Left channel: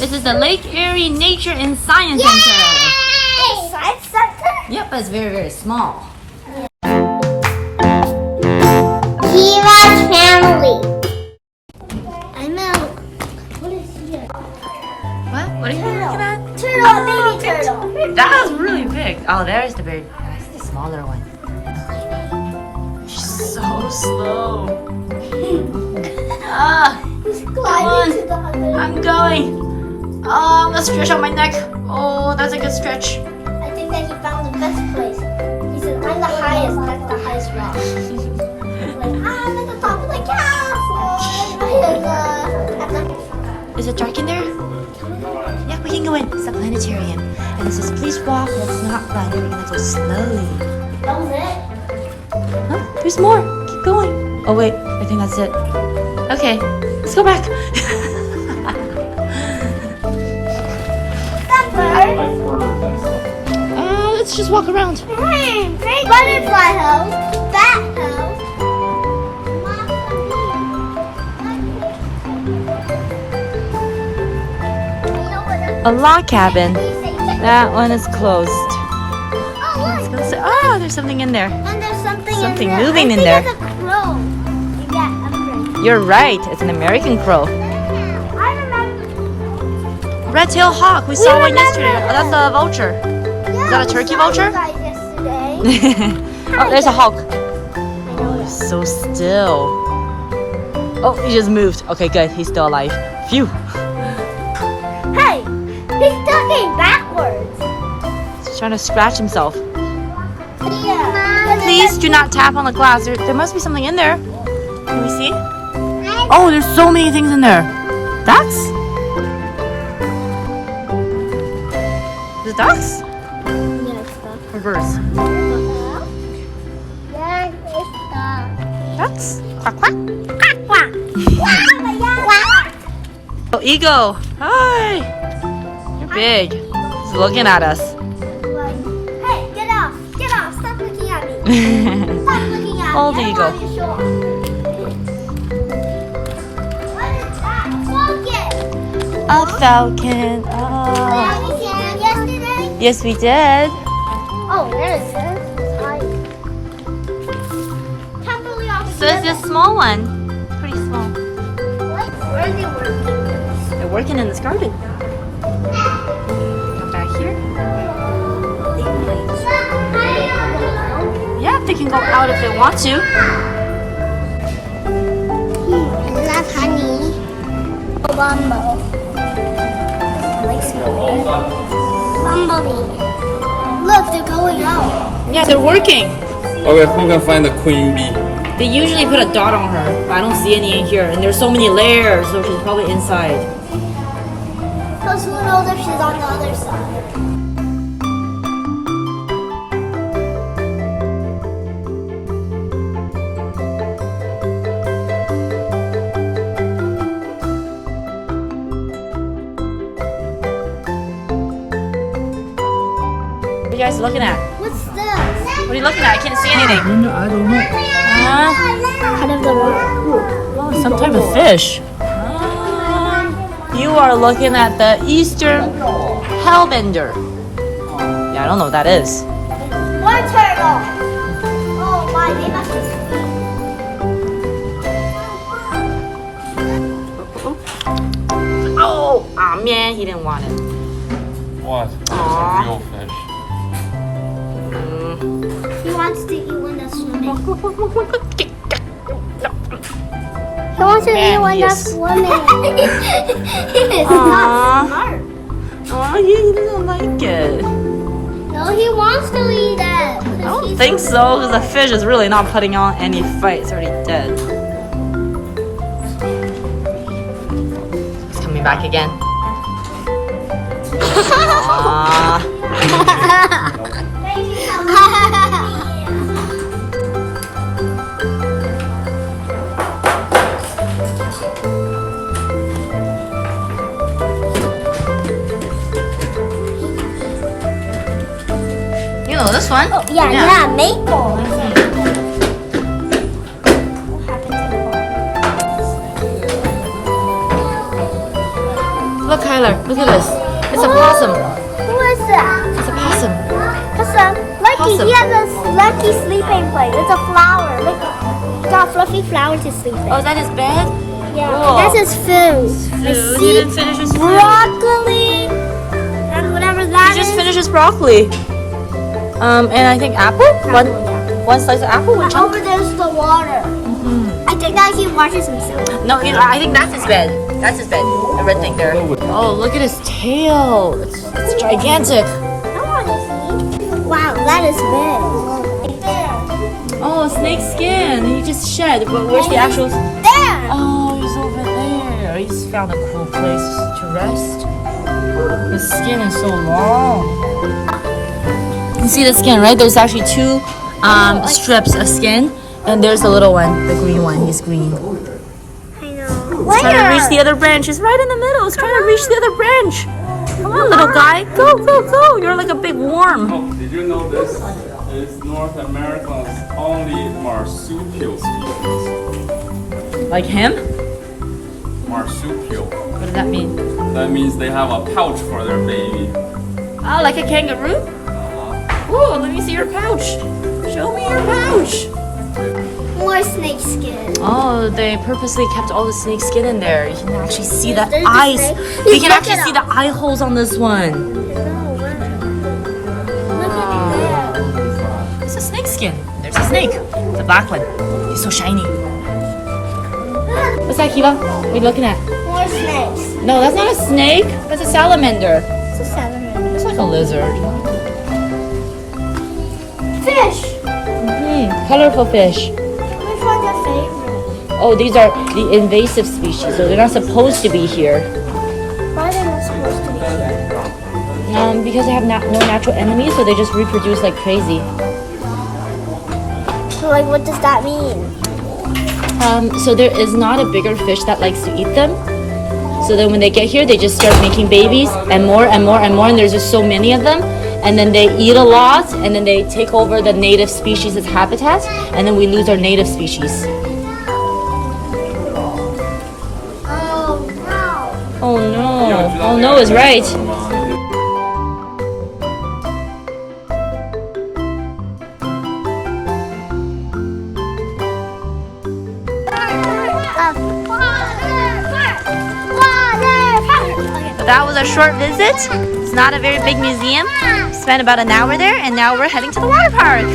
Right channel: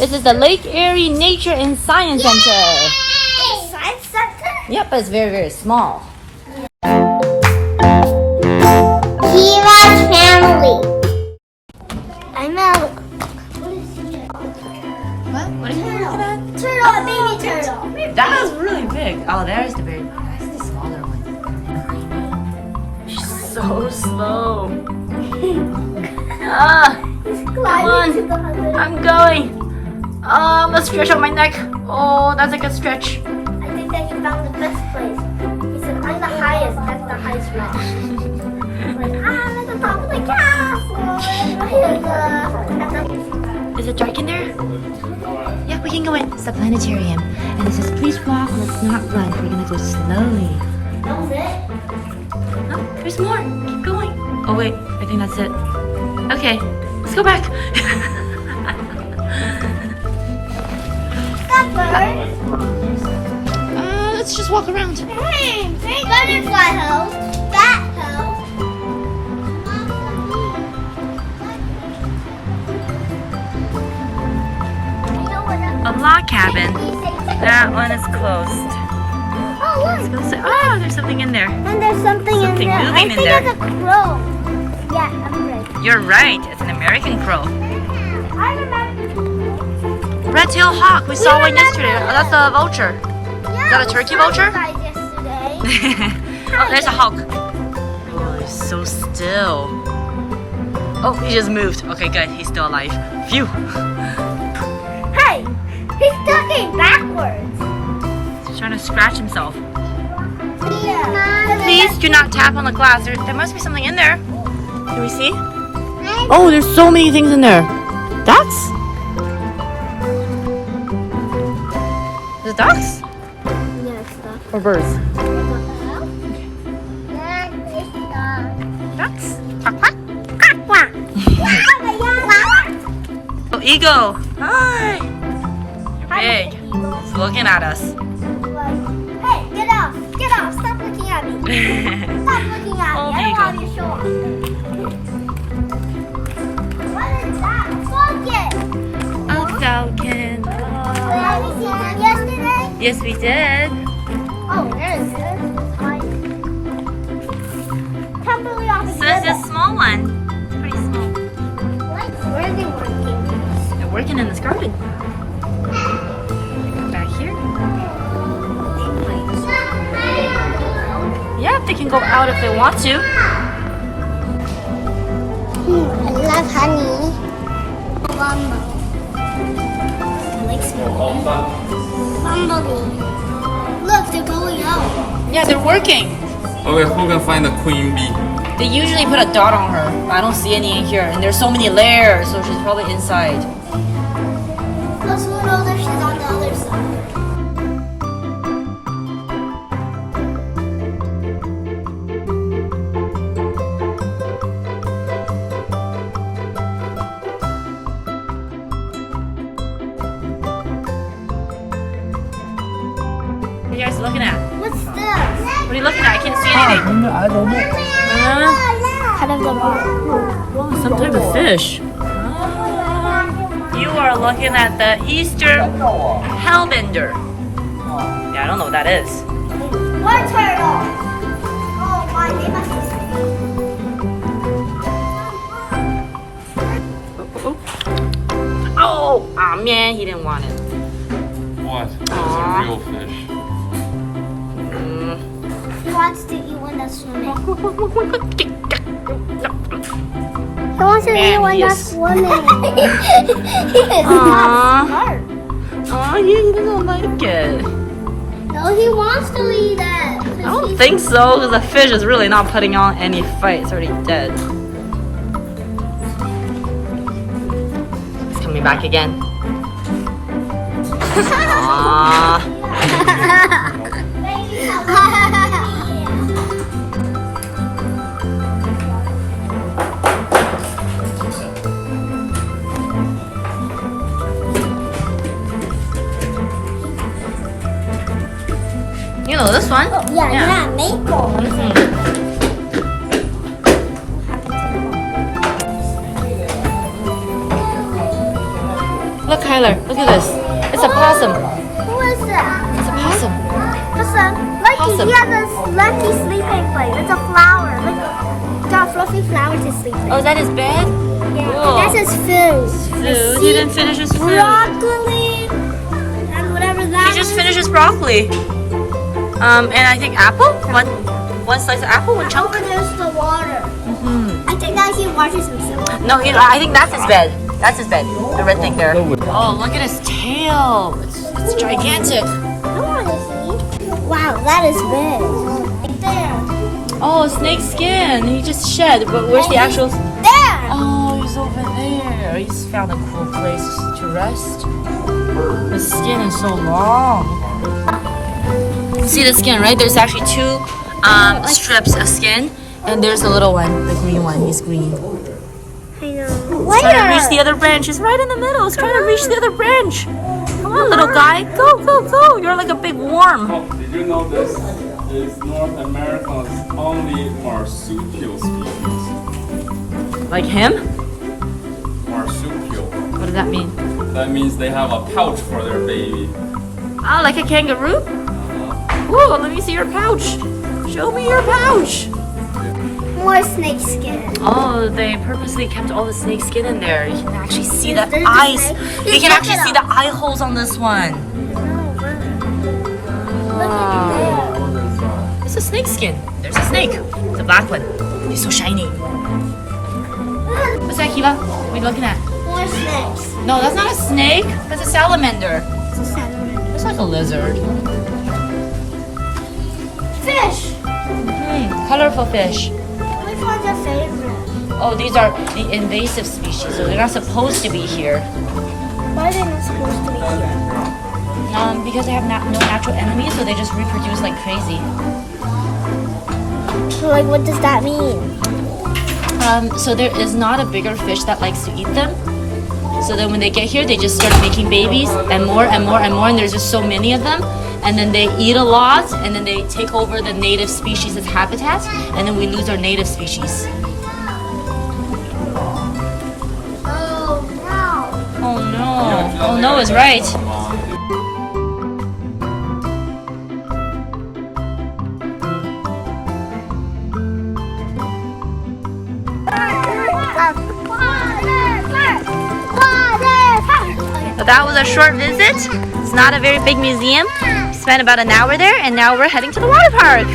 This is the Lake Erie Nature and Science Center. Science center? Yep, but it's very, very small. Kiva's family. I'm out. What are you looking at? Turtle. Oh, baby turtle. That was really big. Oh, there's the very that's the smaller one. She's so slow. Come on. I'm going. I'm gonna stretch out my neck. Oh, that's a good stretch. I think that he found the best place. He said, I'm the highest. That's the highest rock. Like, I'm at the top of the castle. Is it dark in there? Yeah, we can go in. It's the planetarium. And it says, please walk, let's not run. We're gonna go slowly. That was it? Huh? There's more. Keep going. Oh, wait. I think that's it. Okay, let's go back. That bird. Let's just walk around. Butterfly house. Bat house. A log cabin. That one is closed. Oh, Let's look. go say, oh, there's something in there. And there's something Something in there. moving I in think there. it's a crow. Yeah, I'm right. You're right. It's an American crow. I remember. Red-tailed hawk. We saw one remember. yesterday. Oh, that's a vulture. Is that a turkey vulture? Oh, there's a hawk. Oh, he's so still. Oh, he just moved. Okay, good. He's still alive. Phew. Hey, he's talking backwards. He's trying to scratch himself. Yeah. Please do not tap on the glass. There must be something in there. Can we see? Oh, there's so many things in there. Ducks? Is it ducks? Yeah, it's stuff. Or birds? Yeah, it's stuff. Ducks? Quack, quack. Quack, quack. Quack. Oh, eagle. Hi. You're big. He's looking at us. Hey, get off. Get off. Stop looking at me. Stop looking at Oh, me. there you I go. don't want you to show off. What is that? Focus. A falcon. Have we seen him yesterday? Yes, we did. Oh, there it is. Totally off. So it's a small one. Pretty small. Where is he working? They're working in this garden. Back here. Yeah, they can go out if they want to. I love honey. Bumble. I like smelling. Bumblebee. Look, they're going out. Yeah, they're working. Okay, who can find the queen bee? They usually put a dot on her, but I don't see any in here. And there's so many layers, so she's probably inside. Plus, who knows if she's on the other side? What are you guys looking at? What's this? What are you looking at? I can't see anything. I don't know. Head of the rock. Oh, some type of fish. You are looking at the Eastern hellbender. Yeah, I don't know what that is. One turtle. Oh my, they must Oh, aw man, he didn't want it. What? It's Aw. a real fish. He wants to eat one that's swimming. Aw. He wants to Man, eat one he that's is- swimming. It's Aw. not smart. Oh, he doesn't like it. No, he wants to eat that. I don't think so, because the fish is really not putting on any fight. It's already dead. It's coming back again. Aww. You know this one? Oh, yeah, maple. Mhm. Look, Kyler, look at this. It's a possum. Who is that? It's a possum. Lucky, Possum. he has a lucky sleeping place. It's a flower. Look, it's got a fluffy flower to sleep in. Oh, is that his bed? Yeah, cool. that's his food. Food. He didn't finish his food. Broccoli and whatever that He just is. finished his broccoli. And I think apple. One slice of apple, one chunk. Over there's the water. I think that he watches himself. No, I think that's his bed. That's his bed. The red thing there. Oh, look at his tail. It's gigantic. I want to see. Wow, that is big. Right there. Oh, snake skin. He just shed. But where's the actual? There. Oh, he's over there. He's found a cool place to rest. The skin is so long. You see the skin, right? There's actually two strips of skin, and there's the little one, the green one. He's green. I know. Trying to reach the other branch. He's right in the middle. He's trying to reach the other branch. Come on, little guy. Go, go, go. You're like a big worm. Oh, did you know this is North America's only marsupial species? Like him? Marsupial. What does that mean? That means they have a pouch for their baby. Oh, like a kangaroo? Ooh, let me see your pouch. Show me your pouch. More snake skin. Oh, they purposely kept all the snake skin in there. You can actually see the There's the eyes. snake. You Look can actually at see the eye holes on this one. Look at there. It's a snake skin. There's a snake. The black one. It's so shiny. What's that, Kiva? What are you looking at? More snakes. No, that's not a snake. That's a salamander. It's a salamander. It's like a lizard. Fish. Colorful fish. Which one's your favorite? Oh, these are the invasive species, so they're not supposed to be here. Why are they supposed to be here? Because they have no natural enemies, so they just reproduce like crazy. So, like, what does that mean? So there is not a bigger fish that likes to eat them. So then when they get here, they just start making babies and more and more and more, and there's just so many of them. And then they eat a lot, and then they take over the native species' habitat, and then we lose our native species. Oh, no. Oh no. Oh no is right. So that was a short visit. It's not a very big museum. Spent about an hour there, and now we're heading to the water park.